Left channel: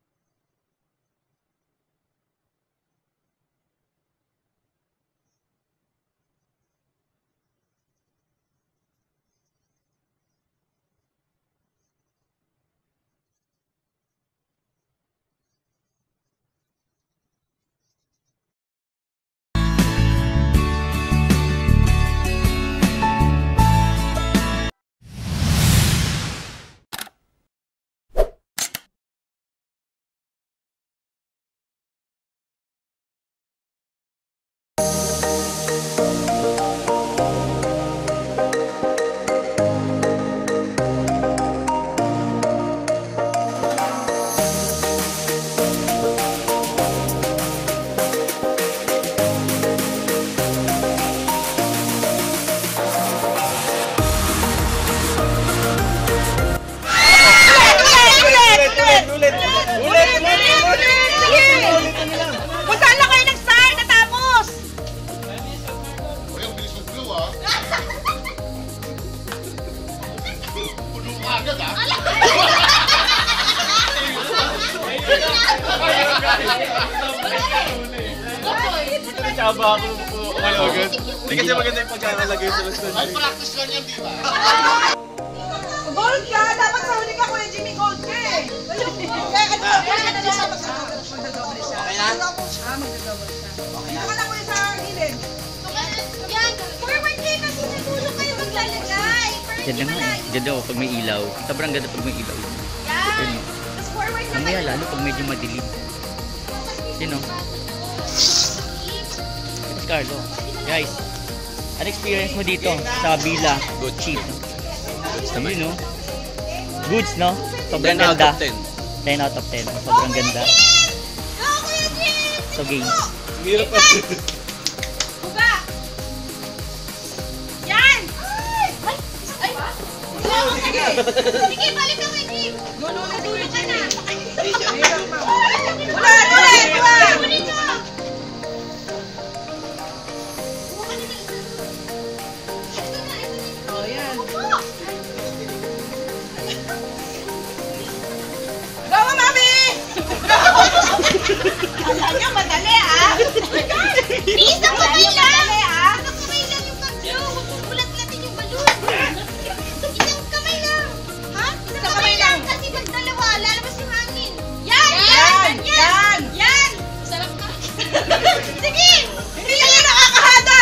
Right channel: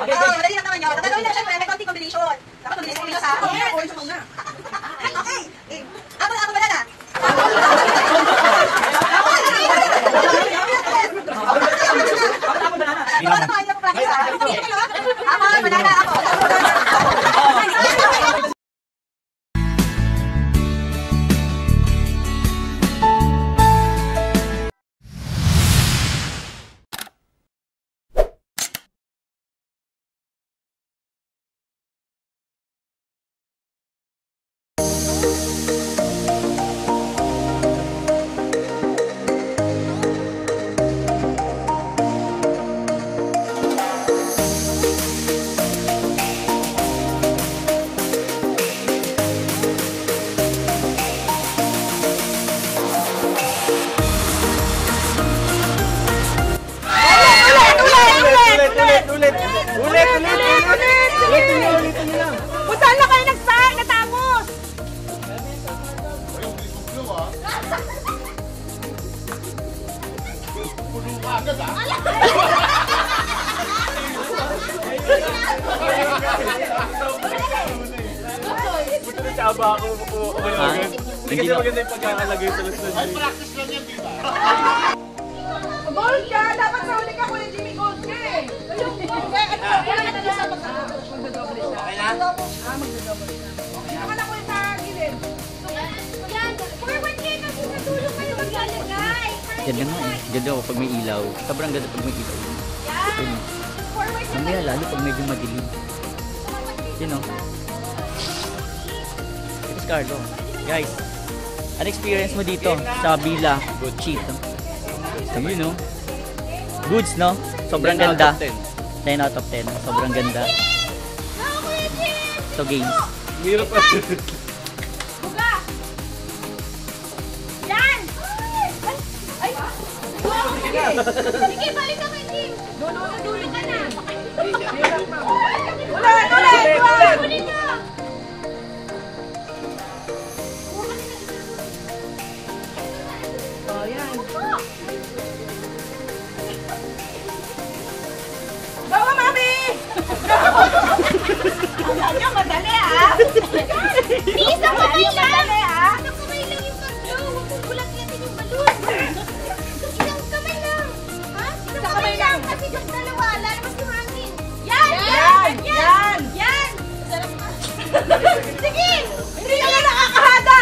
Madali lang naman yun. Ang gagawin na syempre, may konting combination. Dapat mabilis ko sa okay. Ako ba na? Puntaan na kayo nag-start, natapos! Ayun, bilis mag-view ah. Puno ka agad ah. Tsaba ako po. Hindi kasi maganda yung pagkakalagay sa lasyon. Ay, practice lang yan, diba? Gold ka! Dapat sa huli ka Kuya Jimmy, gold ka eh! Okay na? Dito ka na Kuya sa gilid. Forward kayo kasi matulog kayo maglalagay. Ganda nga eh. Ganda ako pag may ilaw. Sobrang ganda pag may ilaw. Yun. Forward na Mamaya lalo pag medyo madilim. Yun o. Ito Carlo. Guys, ano experience mo dito sa Villa? Good cheap, no? Sabi no? Goods, no? Sobrang 10 out ganda. of 10. 10 out of 10. Sobrang ganda. So games. Mirap pa. Buga! Yan! Ay! Ay! Sige, balik ka kay Jim! Dulo na dulo Ka na! Ulit! Oh, yan. Go, Mami! Ano, madali ah! Please, ang kamay lang! Ang kamay lang yung pag-view! Ulat-latin yung balloon! Isang kamay lang! Ha? Isang kamay lang! Kasi yung dalawa, lalabas yung hangin! Yan! Yan! Yan! Yan! Sarap ka! Sige! Hindi ka na nakakahada!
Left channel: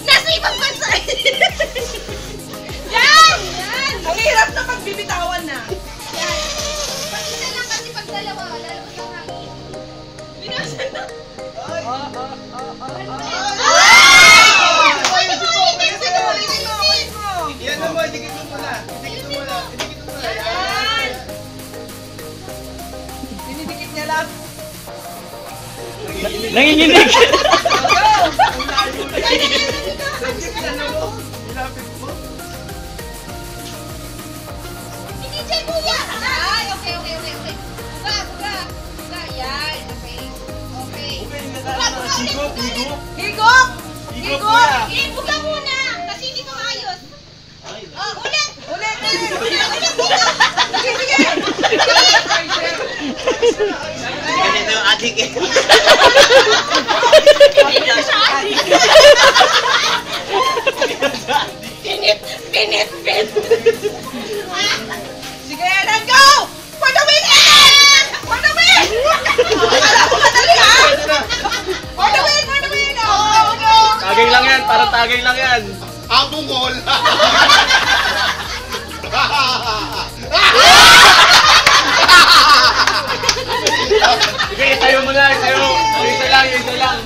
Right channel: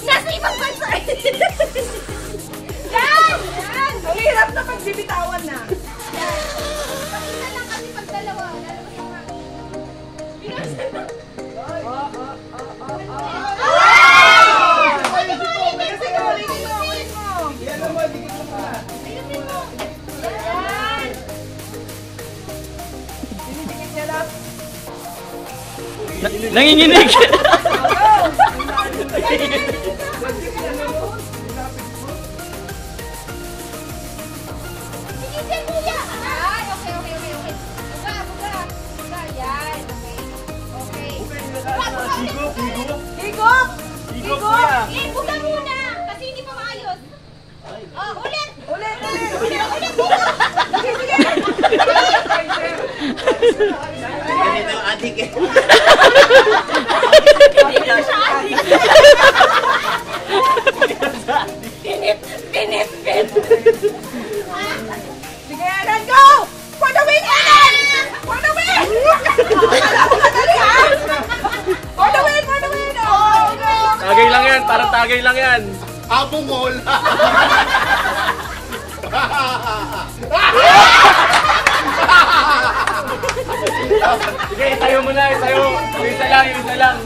Nasa ibang bansa! Yan! Yan! Ang hirap na pagbibitawan na. Pag isa lang kasi pag dalawa, lalabas yung hangin. Binasa na! Yan naman, dikit mo muna. Dikit mo muna. Dikit mo muna. Yan! Dinidikit niya lang. Nanginginig! Sige, dyan kuya! Ay, okay. Buga! Yan, okay. Buga ulit! Higop! Eh, buga muna! Kasi hindi ko maayos. Oh, ulit! Ulit! Sige! Sige! Ganito yung adik eh. Pinit! Sige, let's go! For the win, Ellen! For the win! Akala ko madali ah! For the win! Oh, no! Tagay lang yan, parang tagay lang yan. Abungol! Sige, isayo mo na, isayo. Isa lang.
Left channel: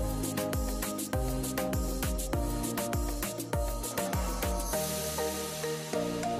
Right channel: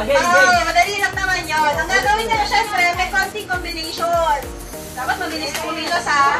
Madali lang naman yun. Ang gagawin nila syempre, may konting combination. Dapat mabilis kumilos ha.